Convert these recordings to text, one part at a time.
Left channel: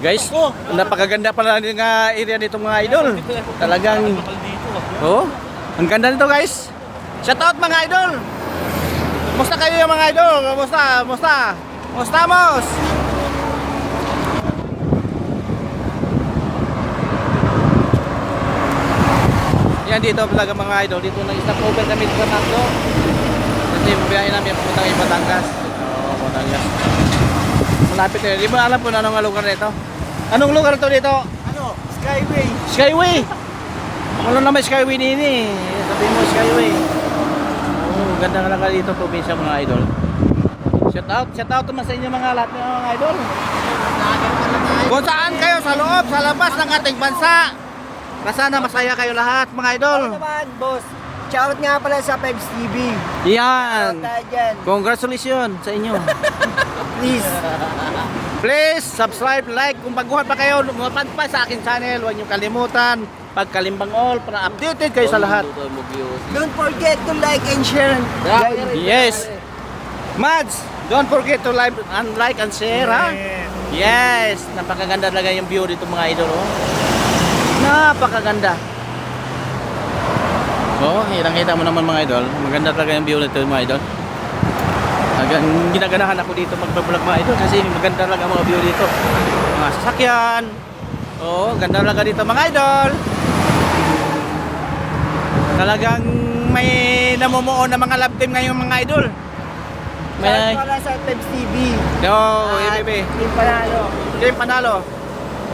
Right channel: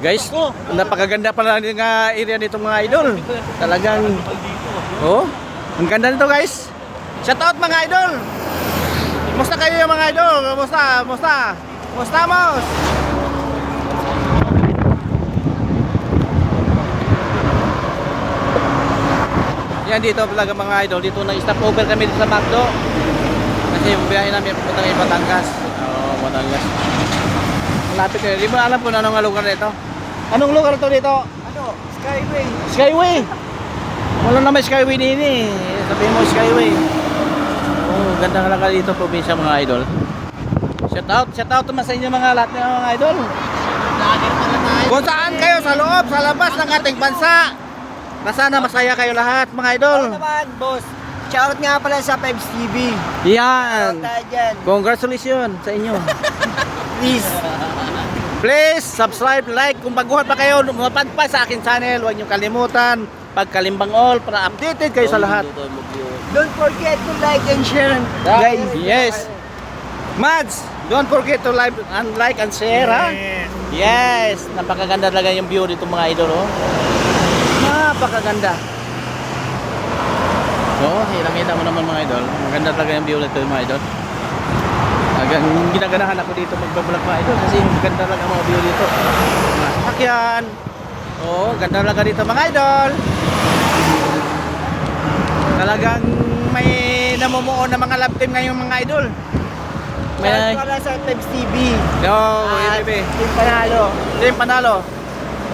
Guys, napakaganda pala ng uh, area nito mga idol. Talagang, oh, ang ganda nito guys. Shout out mga idol. Kumusta kayo mga idol? Kumusta? Kumusta? Kumusta mos? Yan dito talaga mga idol. Dito nag-stop over kami sa Macdo. Kasi biyahe namin papuntang Batangas. Oo, Batangas. Malapit na. Di mo alam kung anong lugar nito. Anong lugar to dito? Ano? Skyway. Skyway. Wala naman Skyway din eh. Sabihin mo Skyway. Oo, ganda nga lang dito probinsya mga idol. Shout out, shout out naman sa inyo mga lahat ng mga idol. Kung saan kayo sa loob, sa labas ng ating bansa. Na sana masaya kayo lahat mga idol. Ano naman, boss? Shoutout nga pala sa Pebs TV. Yan. Congratulations sa inyo. Please. Please subscribe, like kung baguhan pa kayo, lumapad pa sa akin channel. Huwag niyo kalimutan pagkalimbang all para updated kayo sa lahat. Don't forget to like and share. Guys. Yes. Mads, don't forget to like and like and share ha. Yes, napakaganda talaga yung view dito mga idol oh. Napakaganda. Oh, kita mo naman mga idol. Maganda talaga yung view nito mga idol. Hanggang ginaganahan ako dito magbablog mga idol kasi maganda talaga ang mga view dito. Mga sasakyan. Oh, ganda talaga dito mga idol. Talagang may namumuo na mga love team ngayon mga idol. May pala sa Pebs TV. Yo, At EBB. Team Panalo. Team Panalo.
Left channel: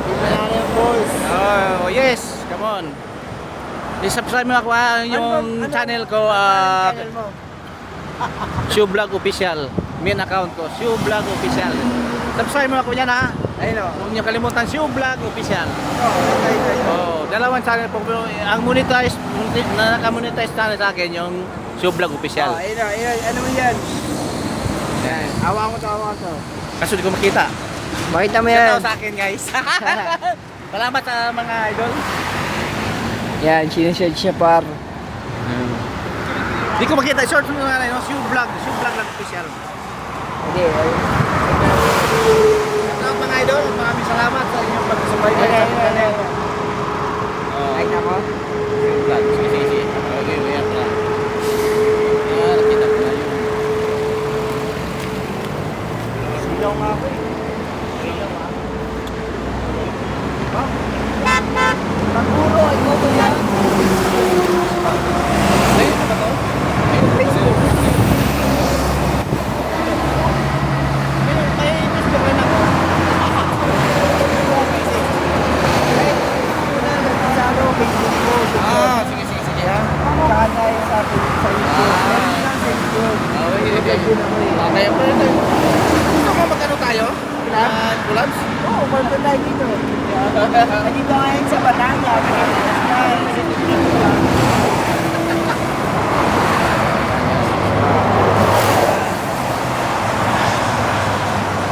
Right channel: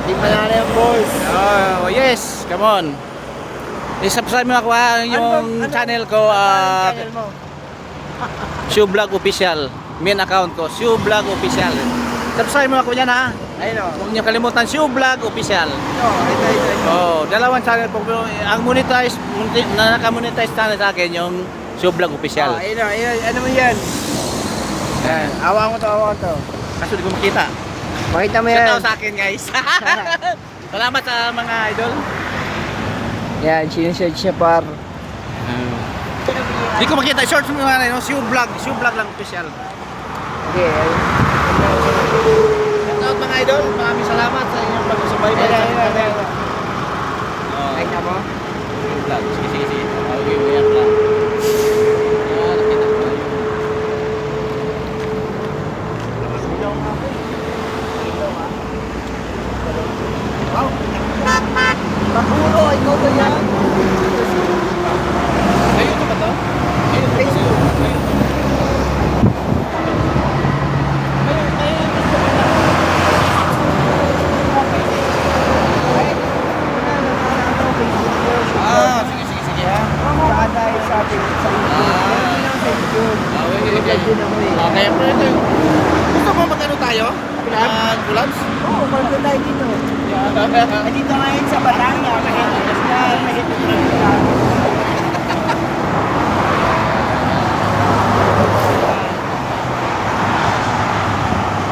Team Panalo, boss. Oh, yes. Come on. I-subscribe mo ako ha, yung Ano- ano- channel ko, ano ah, channel mo? Shoe Vlog Official. Main account ko, Shoe Vlog Official. Subscribe mo ako yan ha. Ayun o. Huwag niyo kalimutan, Shoe Vlog Official. Oh, ito, ito, ito. Oh, dalawang channel po. Ang monetize, na naka-monetize channel sa akin, yung Shoe Vlog Official. Oh, ayun o, ayun. Ano mo yan? Yan. Awa ko to, awa to. Kasi di ko makita. Makita mo Shout yan. out sa akin guys. Salamat sa mga idol. Yan, sinesearch siya par. Di ko makita, short mo naman yung Shoe Vlog, Shoe Vlog lang official. Okay, ayun. Shout out mga idol, maraming salamat sa inyong pagsubaybay Ayun, sa ayun, channel. ayun. Oh, Like na mo? Shoe Vlog. Sige, sige, sige. Okay, yan, yan. Yan, kita mo yan. Puro, ikaw ba yan? Ayun na ba to? Ayun na ba to? Ayun. Ayun, ayun, gusto ko na. Ah, sige, sige, sige ha. Saan tayo sa Facebook? Sa YouTube. Ah. Meron din ang Facebook. Okay, Vlog din ako eh. Okay, pwede. Gusto mo magkano Collab? Ah, collabs? Oo, oh, konto tayo dito. Ay, dito ngayon sa Rizal.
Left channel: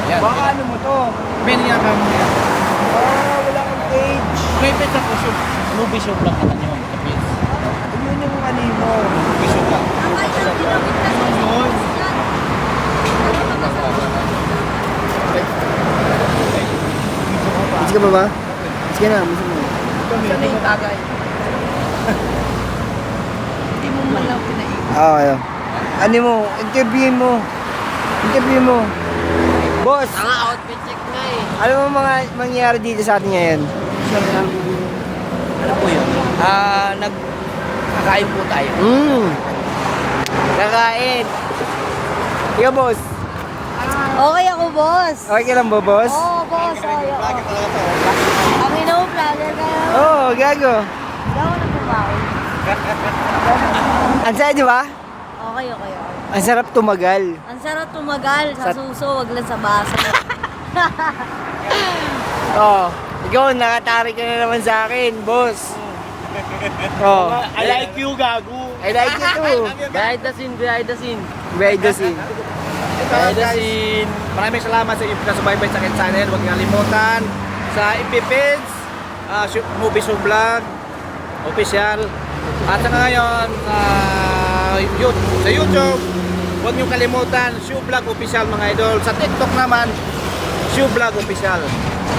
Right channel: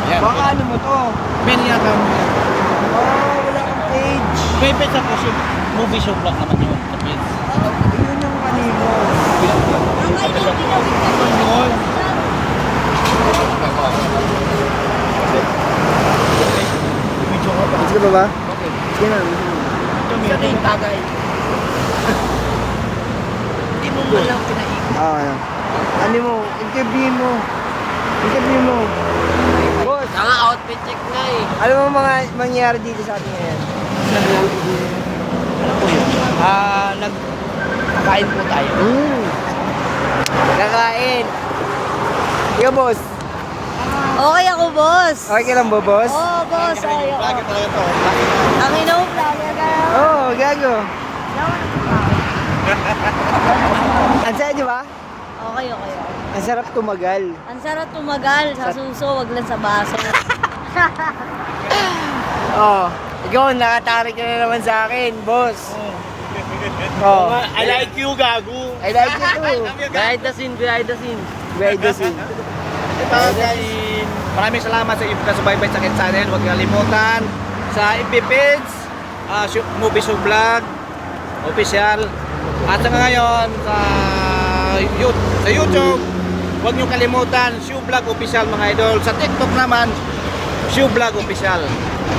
Yan. Baka ano mo to? Niya ka mo yan. Oh, wala kang page. May page ako, show, movie show vlog naman yun sa page. Yun yung ano mo. Movie show vlog. Ano yun? Ka pa. Sige ba ba? Okay. Sige na. Sa ting tagay. Hindi mo mo lang pinaikot. Ah, ayan. Ano mo? Interview mo. Interview mo. Boss, Mga outfit check na eh. alam mo mga mangyayari dito sa atin ngayon? Ano lang? Ano po yun? Ah, nag... Kakain po tayo. Hmm. Kakain. Ikaw, boss. Okay ako, boss. Okay ka lang ba, boss? Oo, oh, boss. Okay ako. Vlogger talaga to. Ang ina mo, vlogger ka. Oo, oh, gago. Hindi ako nagkumawi. Ang saya, di ba? Okay, okay, okay. Ang sarap tumagal. Ang sarap tumagal sa suso, wag lang sa baso. Oh, ikaw, nakatarik ka na naman sa akin, boss. Oh, I like you, gago. I like you too. Behind the scene, behind the scene. Behind the scene. Ito guys, maraming salamat sa inyong pagkasubaybay sa akin channel. Huwag kalimutan sa FB page, ah, movie show vlog, official. At saka ngayon sa YouTube, sa YouTube, huwag niyo kalimutan, Shoe Vlog Official mga idol. Sa TikTok naman, Shoe Vlog Official.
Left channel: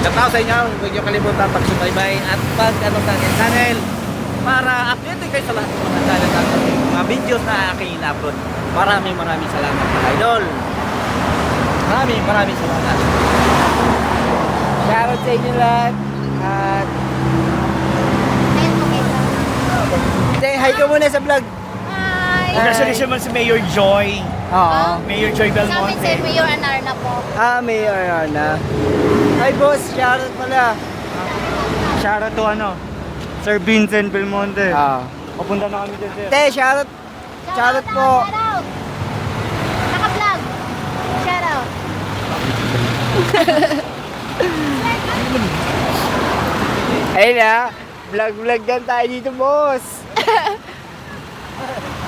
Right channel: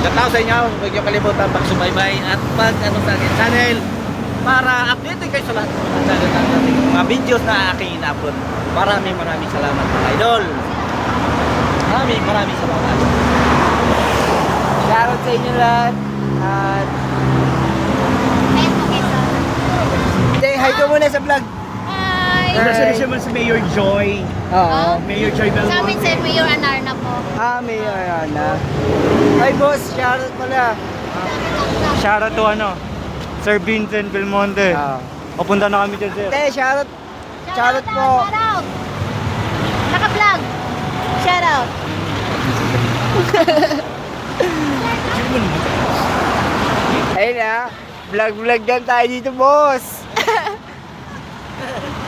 Out sa inyo. Huwag niyo kalimutan pag-subaybay at pag ano sa aking channel para updated kayo sa lahat ng mga channel natin, mga videos na aking ina-upload. Maraming maraming salamat mga idol. Maraming maraming salamat. Shoutout sa inyo lahat. At say hi ka muna sa vlog. Hi! Hi. naman si Mayor Joy. Oo. Ah? Mayor Joy Sa amin si Mayor Anarna po. Ah, Mayor Ana. Hi boss, shoutout pala. Shoutout to ano, Sir Vincent Belmonte. Ah. Papunta na kami dyan, sir. Te, shoutout. Shoutout po. Shout out! Naka-vlog. Shout out. Ayun na. Vlog-vlog lang tayo dito, boss.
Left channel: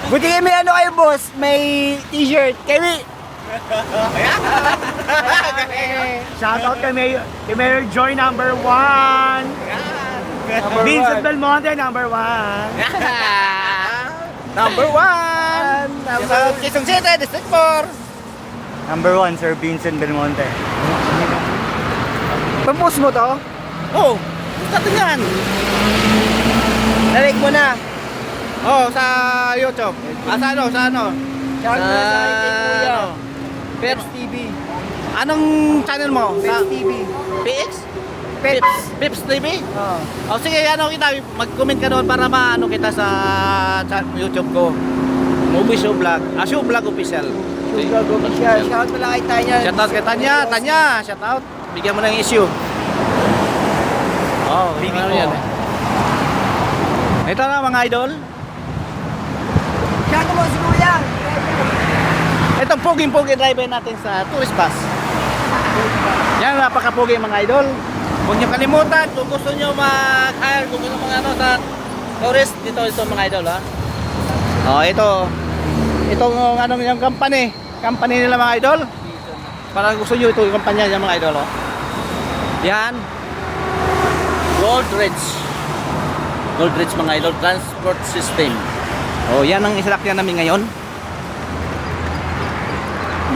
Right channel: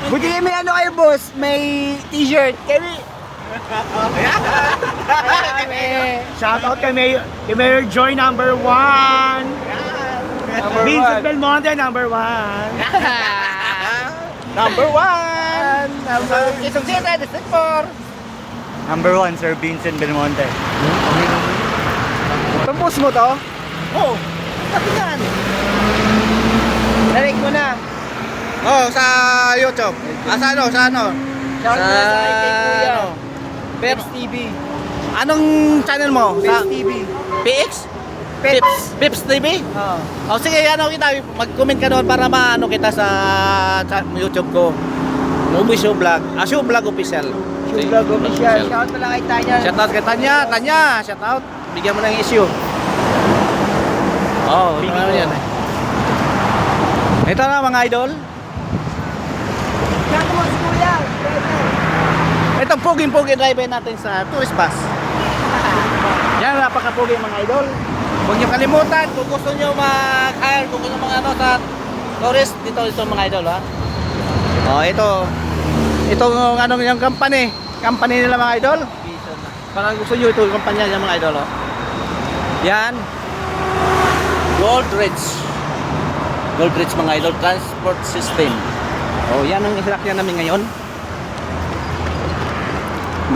Buti kayo may ano kayo, boss. May t-shirt. Kami. Shoutout kay Mayor, kay Mayor Joy number one. Number Vincent one. Belmonte number one. Number one. Number Quezon City, District 4. Number one, Sir Vincent Belmonte. Post mo to? Oh, natin yan. Narik mo na. Oh, sa YouTube. Ah, sa ano, sa ano? Shoutout na sa Kuya. ano? Pero, Pets TV. anong channel mo? Sa Pets TV. PX? Pets. Pips TV? Oo. Oh, sige, ano kita, mag-comment ka doon para maano kita sa, sa YouTube ko. Movie Show Vlog. Ah, Show Vlog Official. Show vlog official. Shoutout mo na kay Tanya. Shout out kay Tanya. Tanya, shout out. Bigyan mo ng issue. Oh, ano yan eh. Ito na mga idol. Shoutout mo si Kuya. Ito ang puging-pugi driver natin sa tourist bus. Yan, napaka-pugi mga idol. Huwag niyo kalimutan kung gusto niyo mag-hire, kung gusto mga ano sa tourist, dito ito mga idol ha. Oh, ito. Ito yung ano yung company. Company nila mga idol. Parang gusto niyo ito yung kampanya niya mga idol oh. Yan. Goldridge. Goldridge mga idol transport system. Oh, yan ang isalakyan namin ngayon.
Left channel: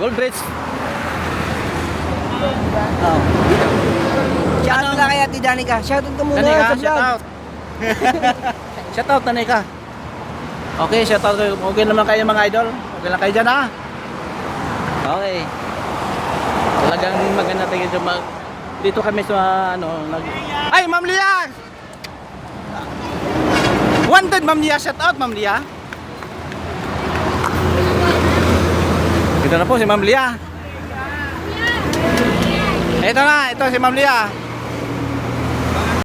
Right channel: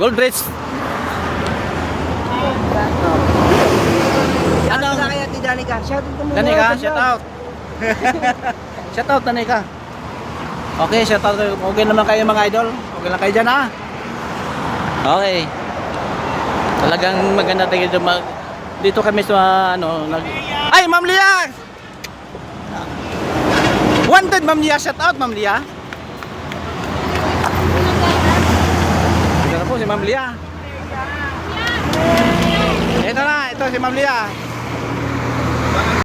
Goldridge. Shoutout na kay Ate Danica. Shoutout ka muna. Danica, shout out. shout out Danica. Okay, shout out. Okay naman kayo mga idol. Okay lang kayo dyan ha. Okay. Talagang maganda tayo dito mag dito kami sa ano nag Ay, Ma'am Lia. Wanted Ma'am Lia, shout out Ma'am Lia. Ito na po si Ma'am Lia. Ito na, ito si Ma'am Lia.